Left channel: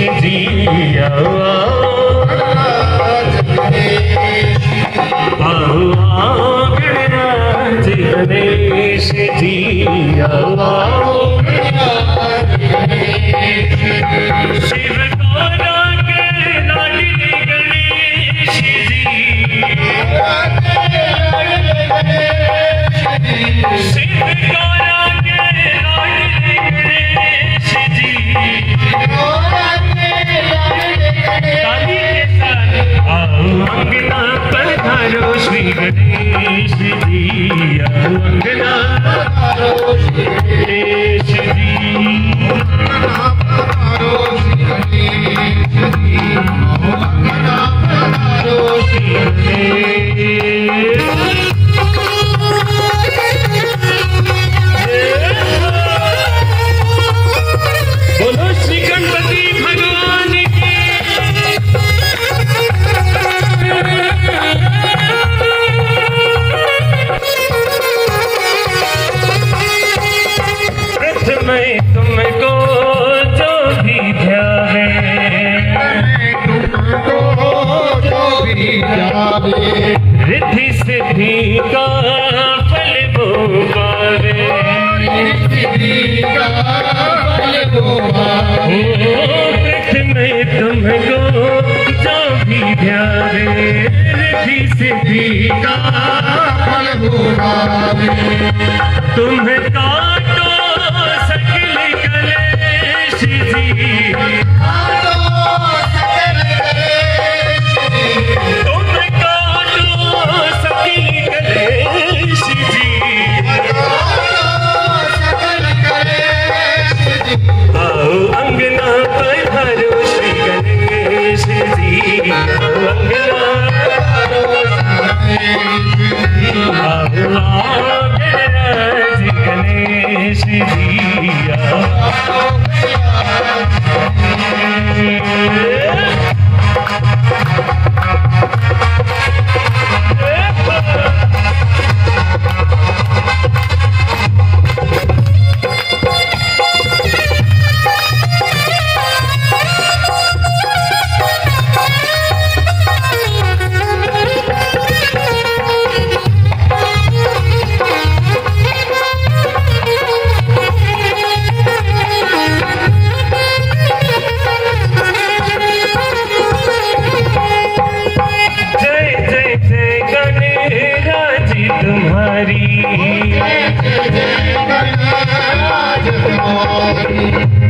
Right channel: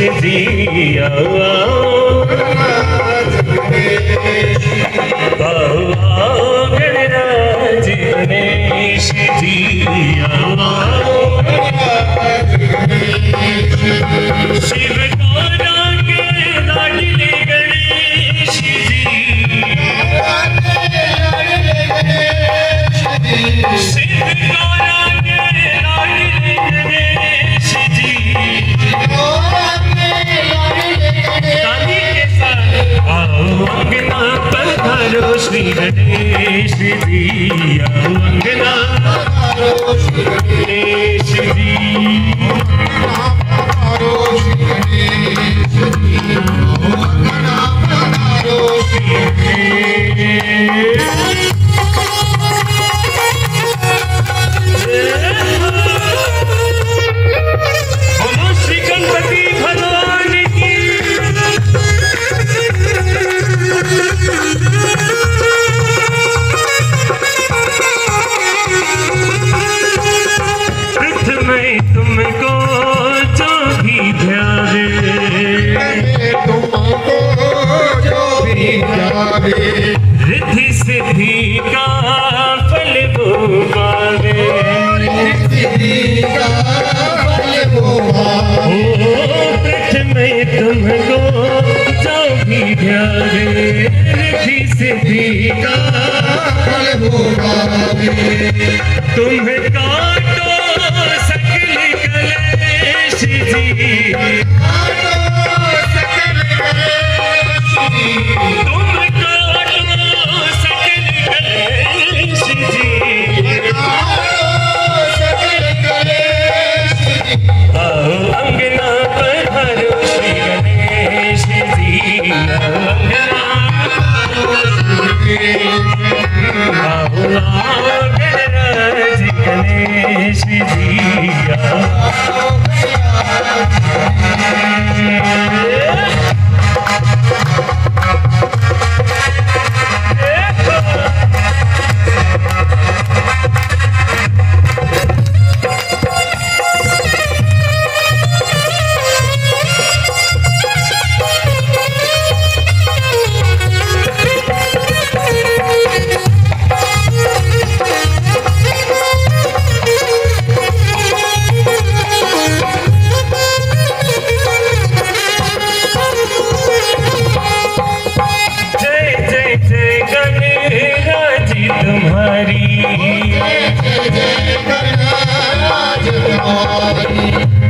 जी आओ आओ गणराज गणेश जी आओ शिव गौरा के लाडले गणेश जी शिव गौरा के लाडले गणेश जी ताली के साथ आओ अंगना पधारो श्री गणेश जी आओ अंगना पधारो श्री गणेश जी रिद्धि सिद्धि का फल वो पावे प्रथम तुमको जो भी ध्यावे रिद्धि सिद्धि का फल वो पावे तुम काटो सकल कलेश जी गणराज गणेश जी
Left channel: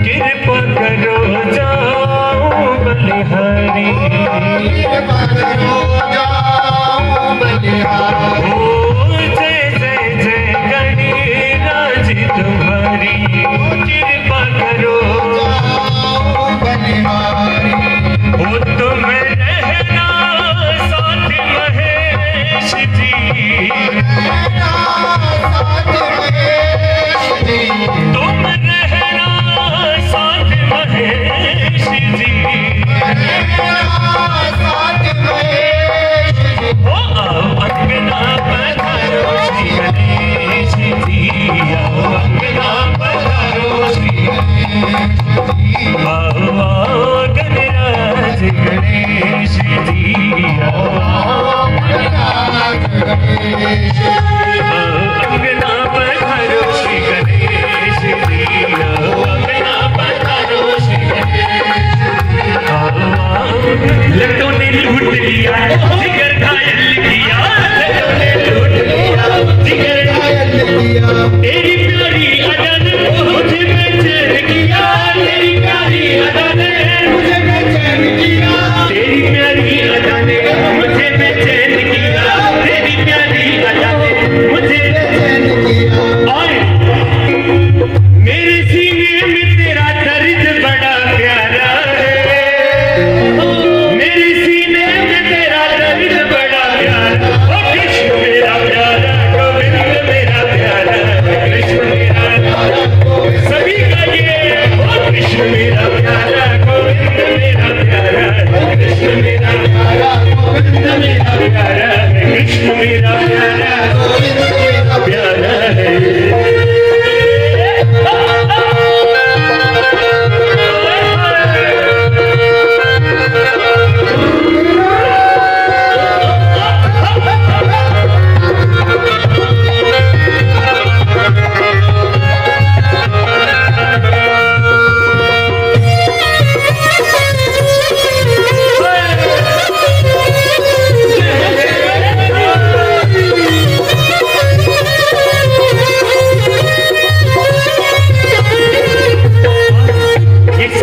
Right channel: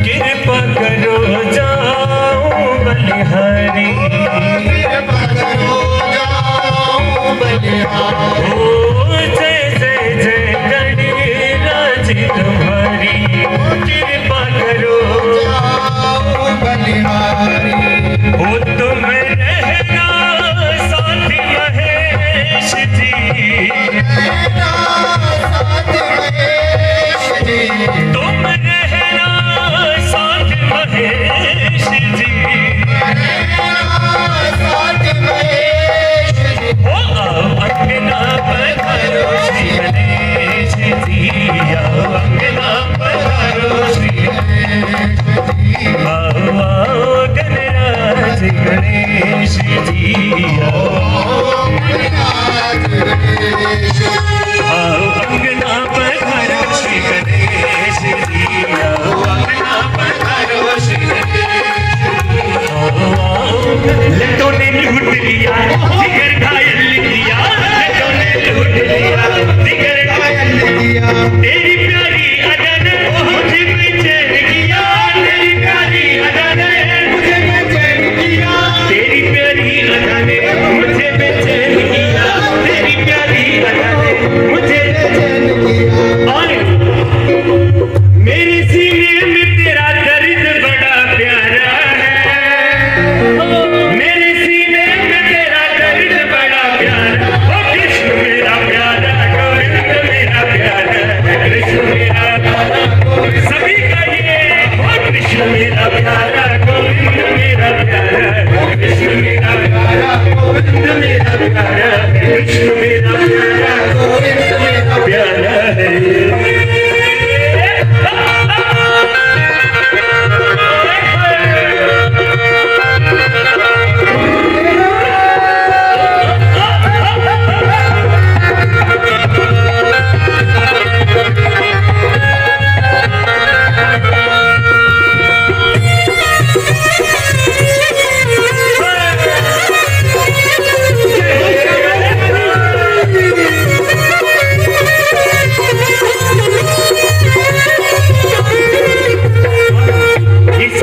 कृपा करो जाओ बलिहारी जय जय जय गणराज तुम्हारी कृपा करो ओ तुम रहना साथ महेश जी तुम रहना साथ महेश जी ओ आओ अंगना पधारो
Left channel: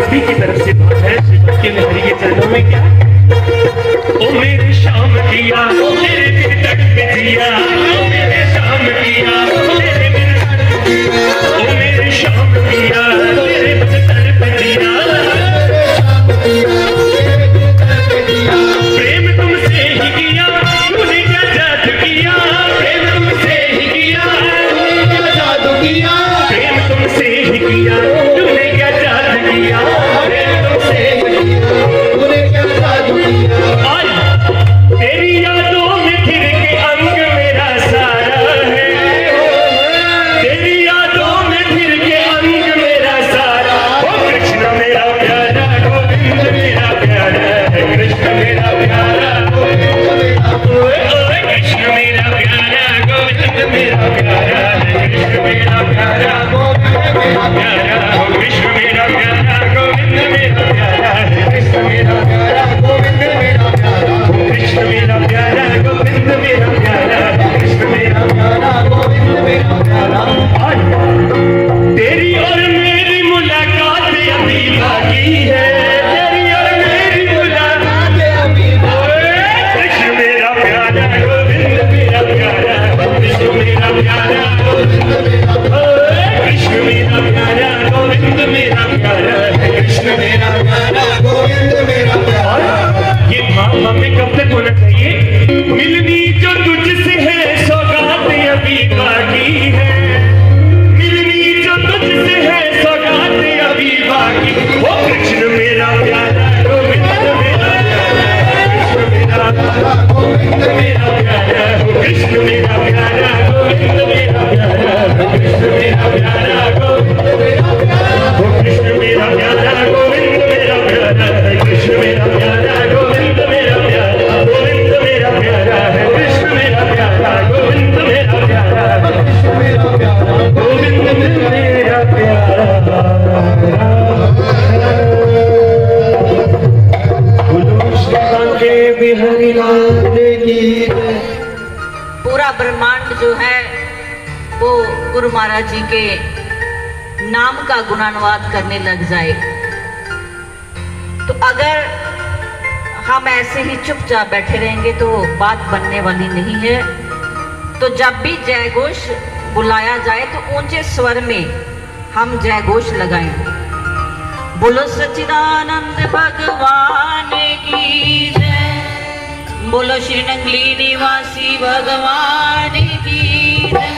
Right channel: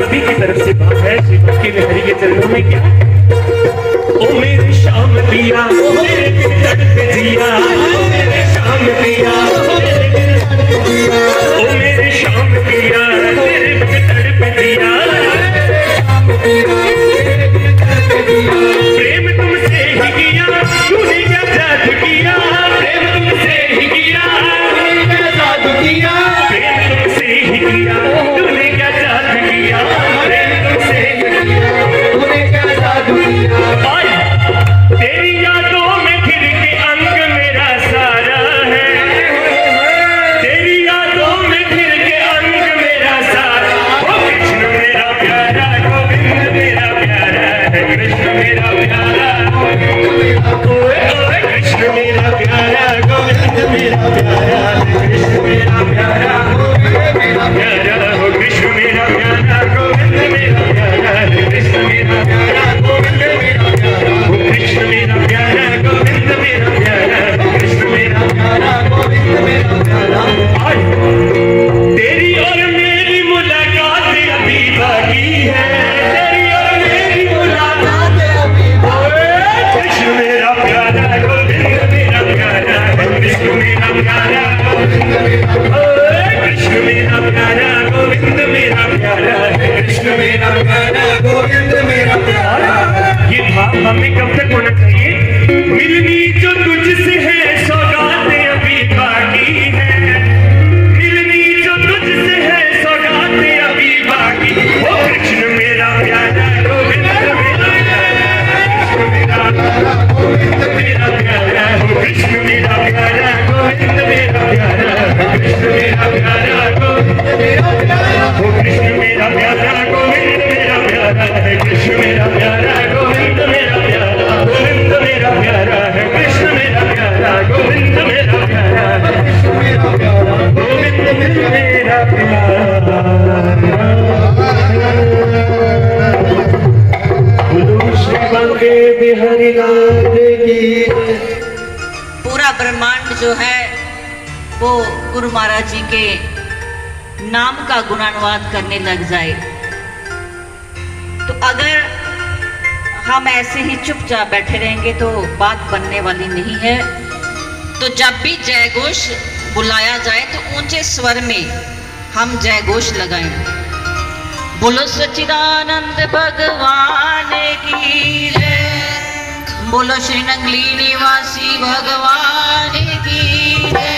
सभी की तरफ से भाव है श्री बांके बिहारी के चरणों में। क्या ओ मेरी शाम किया मेरे दिल तड़प जिया, ओ मेरी शाम किया मेरे दिल तड़प जिया, ओ मेरी शाम किया मेरे दिल तड़प जिया, प्रेम तुमसे ही किया तूने क्या जादू किया, प्रेम तुमसे ही किया तूने क्या जादू किया, प्रेम तुमसे ही किया तूने क्या जादू किया, प्रेम तुमसे ही किया तूने क्या जादू किया। तेरी यादों में फिर के अंग मेरा सारा है, तेरी यादों में फिर के अंग मेरा सारा, ओ कृष्ण मेरा प्यारा गोविंद मेरा प्यारा है, कृष्ण मेरा प्यारा गोविंद मेरा, ओ कृष्ण मेरा प्यारा गोविंद मेरा प्यारा है, कृष्ण मेरा प्यारा गोविंद मेरा प्यारा, ओ कृष्ण मेरा प्यारा गोविंद मेरा प्यारा है, कृष्ण मेरा प्यारा गोविंद मेरा प्यारा, कृष्ण मेरा प्यारा गोविंद मेरा प्यारा, कृष्ण मेरा प्यारा गोविंद मेरा प्यारा। तेरी और मेरी मुलाकात अभी बाकी है, तेरी और मेरी मुलाकात अभी बाकी है, कृष्ण मेरा प्यारा गोविंद मेरा प्यारा, कृष्ण मेरा प्यारा गोविंद मेरा, कृष्ण मेरा प्यारा गोविंद मेरा प्यारा, कृष्ण मेरा प्यारा गोविंद मेरा प्यारा। ये भाव हमें कब तक होना चाहिए? मिलनी जो तुझसे है सौगात अभी बाकी है, मिलनी जो तुझसे है सौगात अभी बाकी, ओ कृष्ण मेरा प्यारा गोविंद मेरा प्यारा, कृष्ण मेरा प्यारा गोविंद मेरा प्यारा, कृष्ण मेरा प्यारा गोविंद मेरा प्यारा, कृष्ण मेरा प्यारा गोविंद मेरा प्यारा, कृष्ण मेरा प्यारा गोविंद मेरा प्यारा है, कृष्ण मेरा प्यारा गोविंद मेरा प्यारा, गोविंद मेरा प्यारा है, कृष्ण मेरा प्यारा गोविंद मेरा प्यारा है, कृष्ण मेरा प्यारा गोविंद मेरा प्यारा। बोलो श्री बांके बिहारी लाल की। पूरा ब्रह्मांड जो है वो गुरु महाराज जी के नाम का गुणानुवाद करने लग जाए, तो अगर हम ऐसे ही चुपचाप बैठे रहेंगे तो बात बनने वाली नहीं है। तो जब भी जय घोष बुलाया जाए तो ऊंचे स्वर में हम जय घोष लगाएं। बोलो सच्चिदानंद भगवान की जय, बोलो श्री नंगली निवासी भगवान की जय,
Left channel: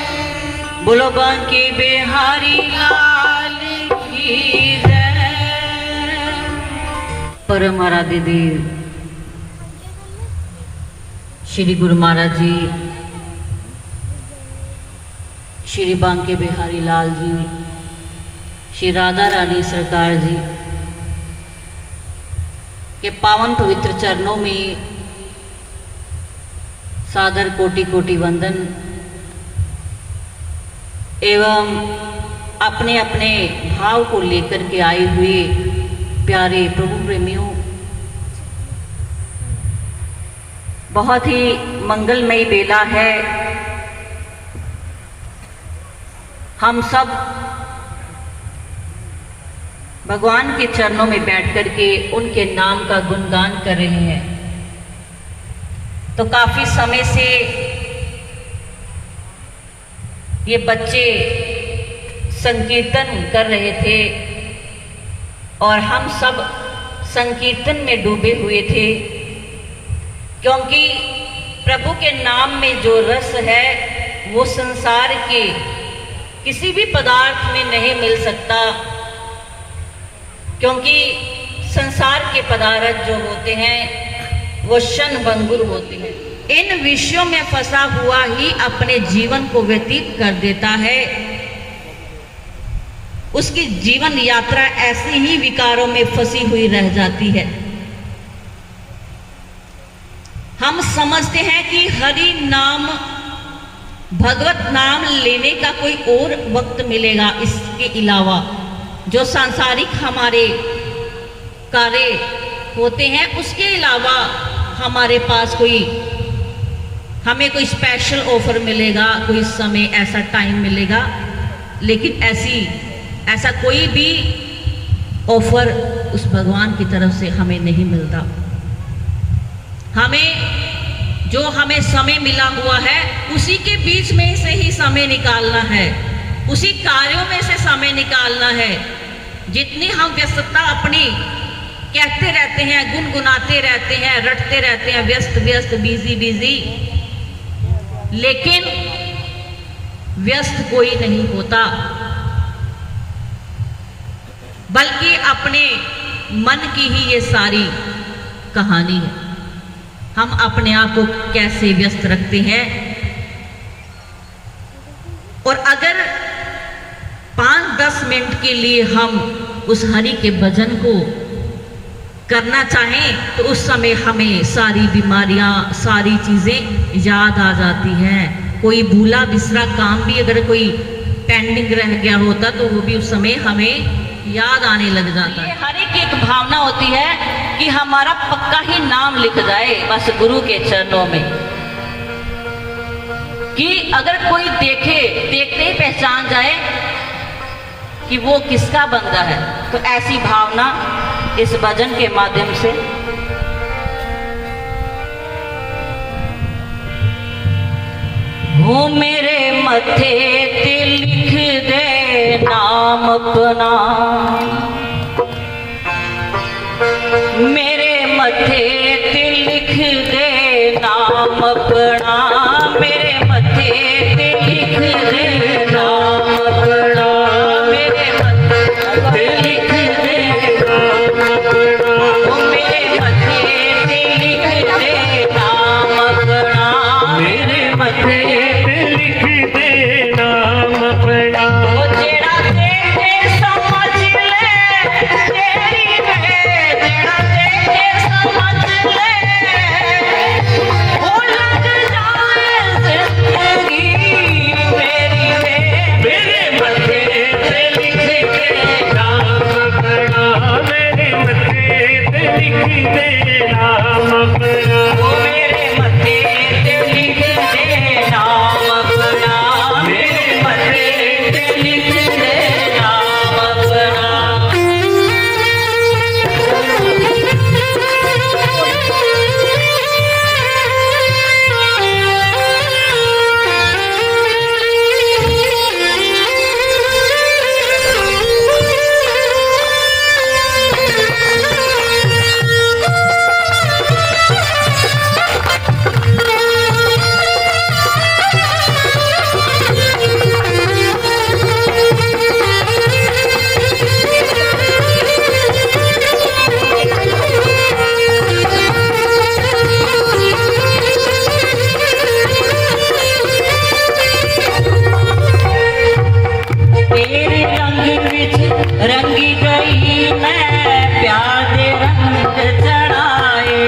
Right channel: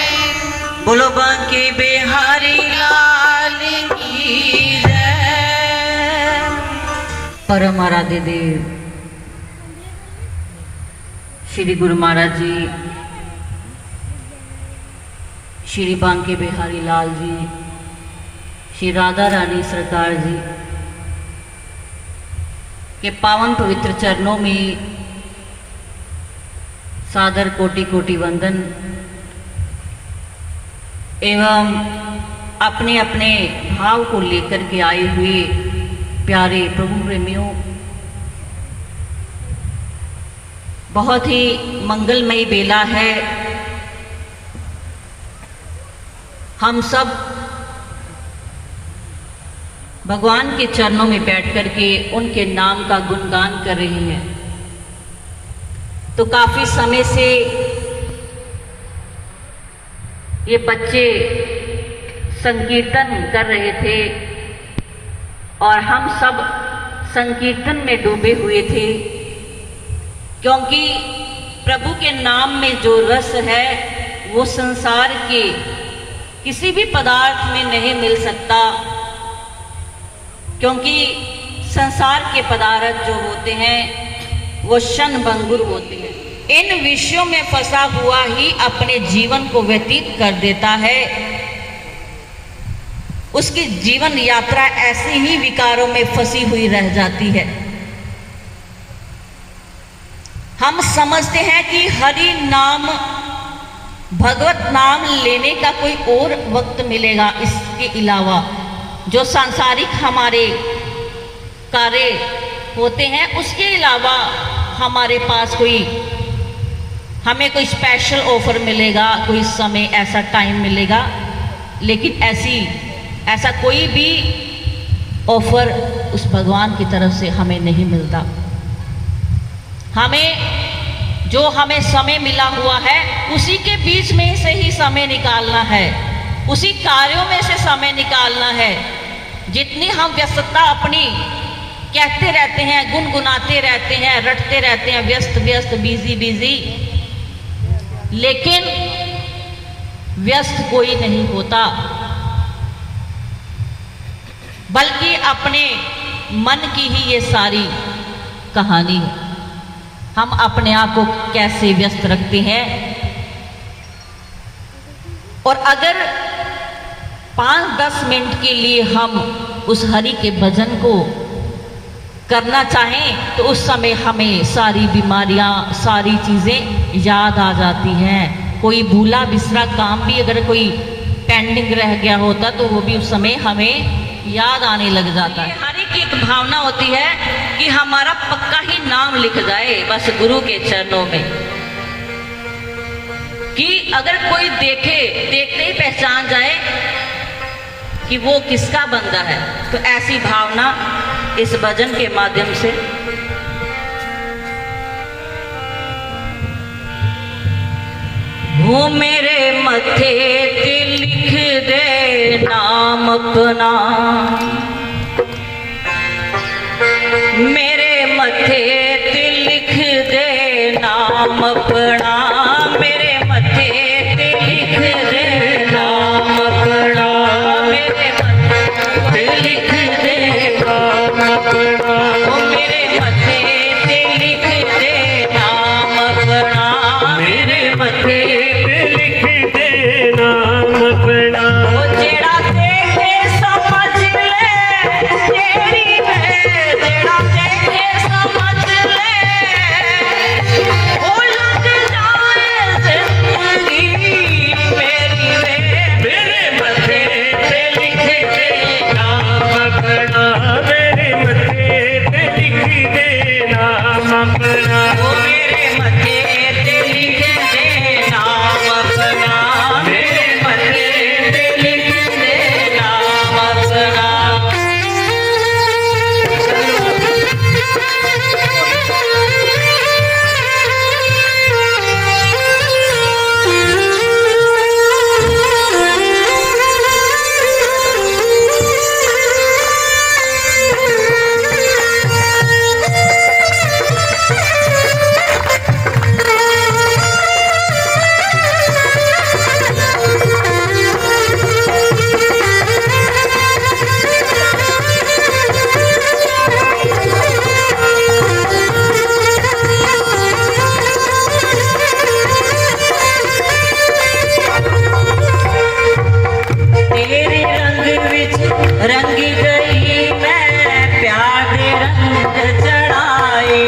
बोलो बांके बिहारी लाल की जय। परम आराध्य देव श्री गुरु महाराज जी, श्री बांके बिहारी लाल जी, श्री राधा रानी सरकार जी के पावन पवित्र चरणों में सादर कोटि कोटि वंदन एवं अपने अपने भाव को लेकर के आए हुए प्यारे प्रभु प्रेमियों, बहुत ही मंगलमयी बेला है। हम सब भगवान के चरणों में बैठ करके उनके नाम का गुणगान कर रहे हैं। तो काफी समय से ये बच्चे संकीर्तन कर रहे थे और हम सब संकीर्तन में डूबे हुए थे, क्योंकि प्रभु के नाम में जो रस है वो संसार के किसी भी पदार्थ में नहीं मिल सकता, क्योंकि संसार के पदार्थ जो होते हैं वो क्षण भंगुर होते हैं। इन विषयों में फंसा हुआ ही अपने जीवन को व्यतीत कर देता है। उसकी जीवन यात्रा ऐसी ही विकारों में फंसी हुई रह जाती है। हम समझते हैं कि हरि नाम भगवत नाम लेने का कोई और वक्त मिलेगा, इसके अलावा जो सांसारिक हमारे कार्य होते हैं उसके अलावा हमारे पास हमें कोई स्पेशल ऑफर मिलेगा, कोई समय ऐसा टाइम मिलेगा, लेकिन ऐसा कोई भी ऑफर उस भगवान की तरफ से हमें नहीं मिलता। हमें समय मिला हुआ है, उसी के बीच में से ही समय निकालना है, उसी कार्यों में से समय निकालना है। जितनी हम व्यस्तता अपनी कहते रहते हैं, गुनगुनाते रहते हैं, रटते रहते हैं, व्यस्त व्यस्त, बिजी बिजी, लेकिन व्यस्त कोई नहीं होता, बल्कि अपने मन की ही ये सारी कहानी है। हम अपने आप को कैसे व्यस्त रखते हैं, और अगर 5-10 मिनट के लिए हम उस हरि के भजन को करना चाहें तो उस समय हमें सारी बीमारियां, सारी चीजें याद आ जाती हैं। कोई भूला बिसरा काम भी अगर कोई पेंडिंग रह गया होता तो वो भी उस समय हमें याद आने लग जाता है। हर एक भावना होती है कि हमारा पक्का ही नाम लिख जाए बस गुरु के चरणों में, कि अगर कोई देखते ही पहचान जाए कि वो किसका बंदा है। तो ऐसी भावना इस भजन के माध्यम से वो मेरे मथे ते लिख दे नाम अपना, मेरे मथे ते लिख दे नाम अपना, मेरे मथे ते लिख दे नाम अपना, मेरे मथे ते लिख दे नाम अपना, मेरे मथे ते लिख दे नाम अपना, मेरे मथे रंगी गई मैं प्यार दे रंग चढ़ाए,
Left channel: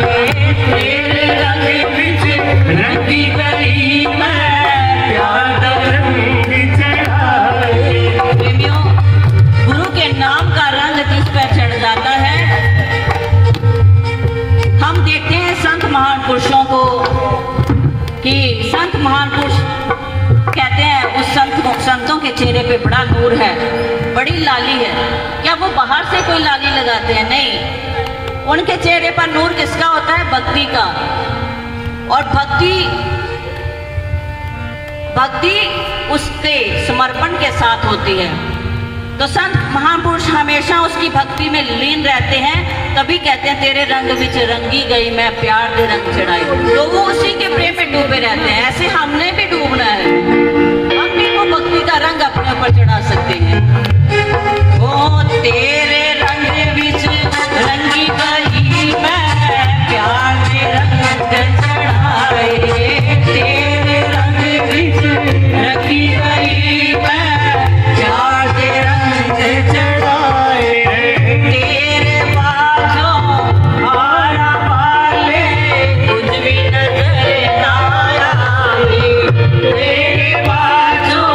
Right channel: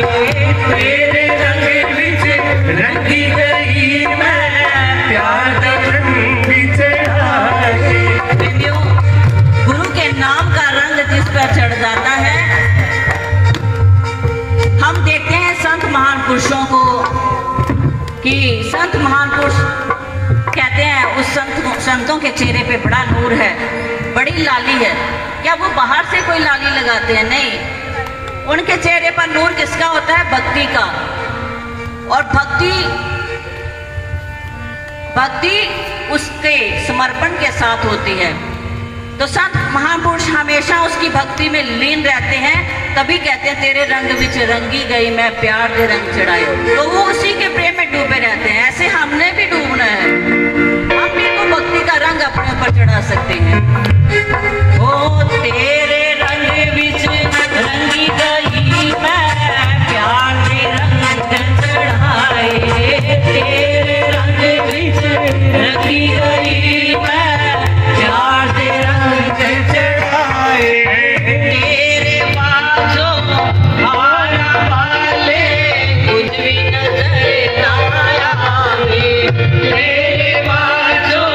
तेरे रंग विच रंगी गई मैं प्यार दे रंग चढ़ाए। प्रेमियों, गुरु के नाम का रंग जिस पर चढ़ जाता है, हम देखते हैं संत महान पुरुषों को कि संत महान पुरुष कहते हैं उस संतों के चेहरे पे बड़ा नूर है, बड़ी लाली है। क्या वो बाहर से कोई लाली लगाते हैं? नहीं, उनके चेहरे पर नूर किसका होता है? भक्ति का। और भक्ति उसके समर्पण के साथ होती है। तो संत महापुरुष हमेशा उसकी भक्ति में लीन रहते हैं, तभी कहते हैं तेरे रंग विच रंगी गई मैं प्यार दे रंग चढ़ाए। तो वो उसी के प्रेम में डूबे रहते हैं। ऐसे हमने भी डूबना है, हम भी वो भक्ति का रंग अपने ऊपर चढ़ा सकते हैं। ओ तेरे रंग विच रंगी गई मैं प्यार दे रंग चढ़ाए, तेरे रंग विच रंगी गई मैं प्यार दे रंग चढ़ाए, तेरे बाजों आया वाले कुछ भी नजर ना आए, तेरे बाजों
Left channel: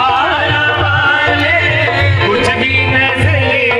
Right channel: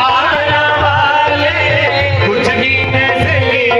आया वाले कुछ भी नजर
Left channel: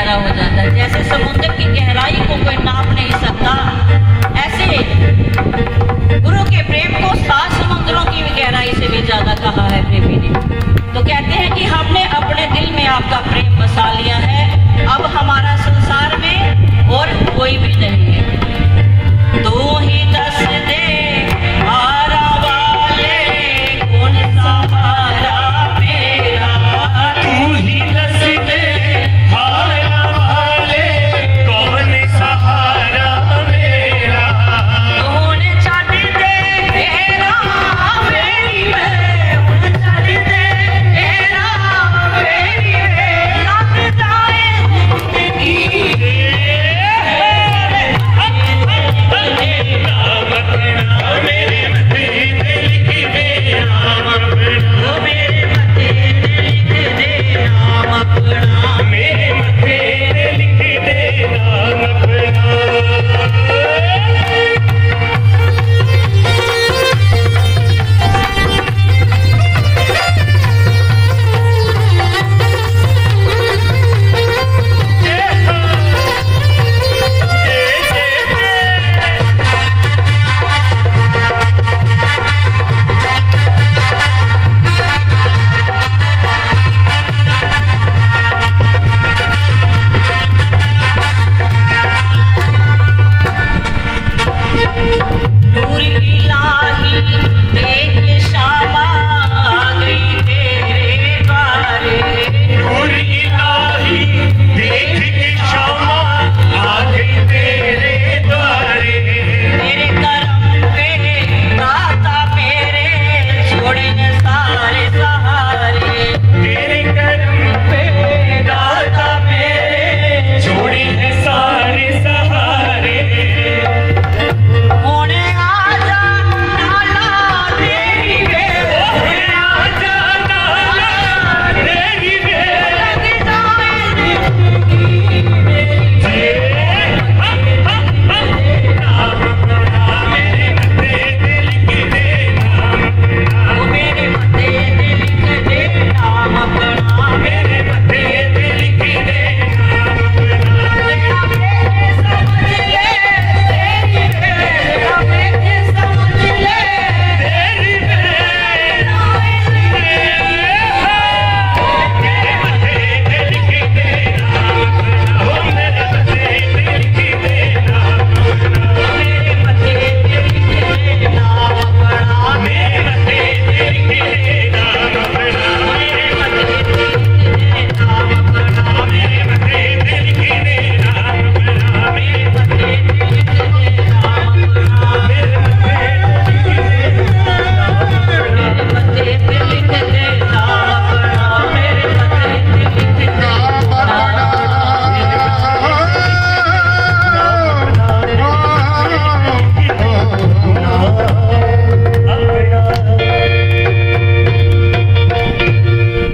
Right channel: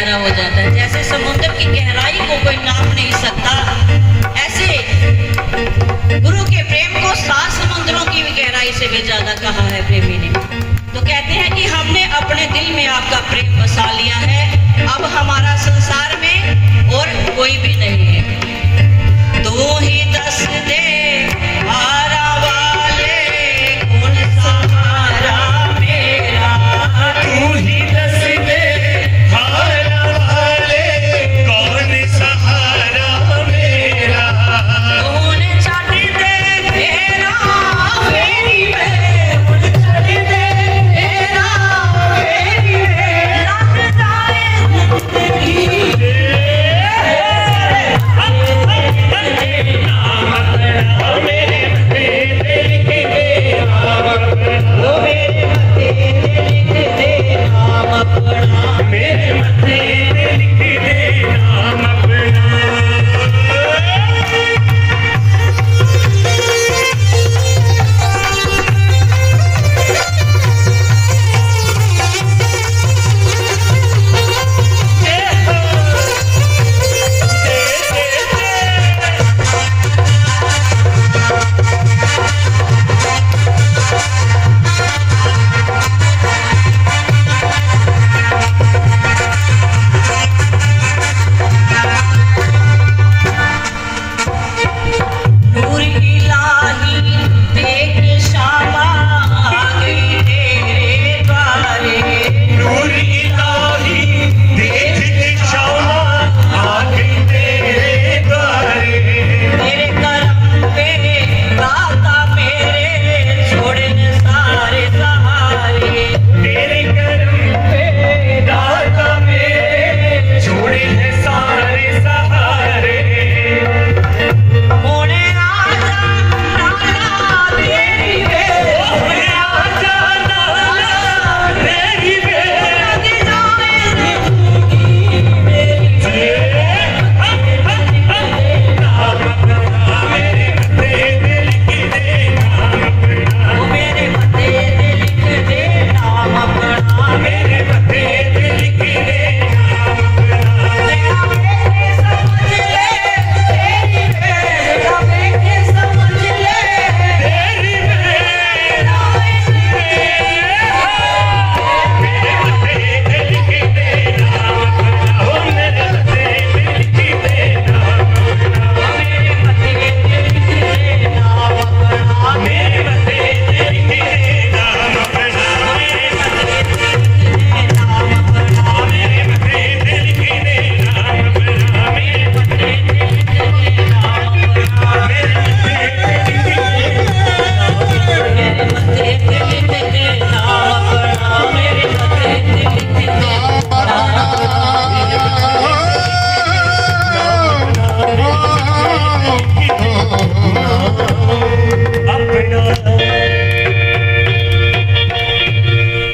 गहरा हो जाता है। जैसे समुद्र की गहराई को कोई नाप नहीं सकता, ऐसे गुरु के प्रेम को 7 समुद्रों की भी गहराई से भी ज्यादा कहा है प्रेमी ने। तो कहते हैं कि हमने अपने दिल में आपका प्रेम बसा लिया है, अब हमारा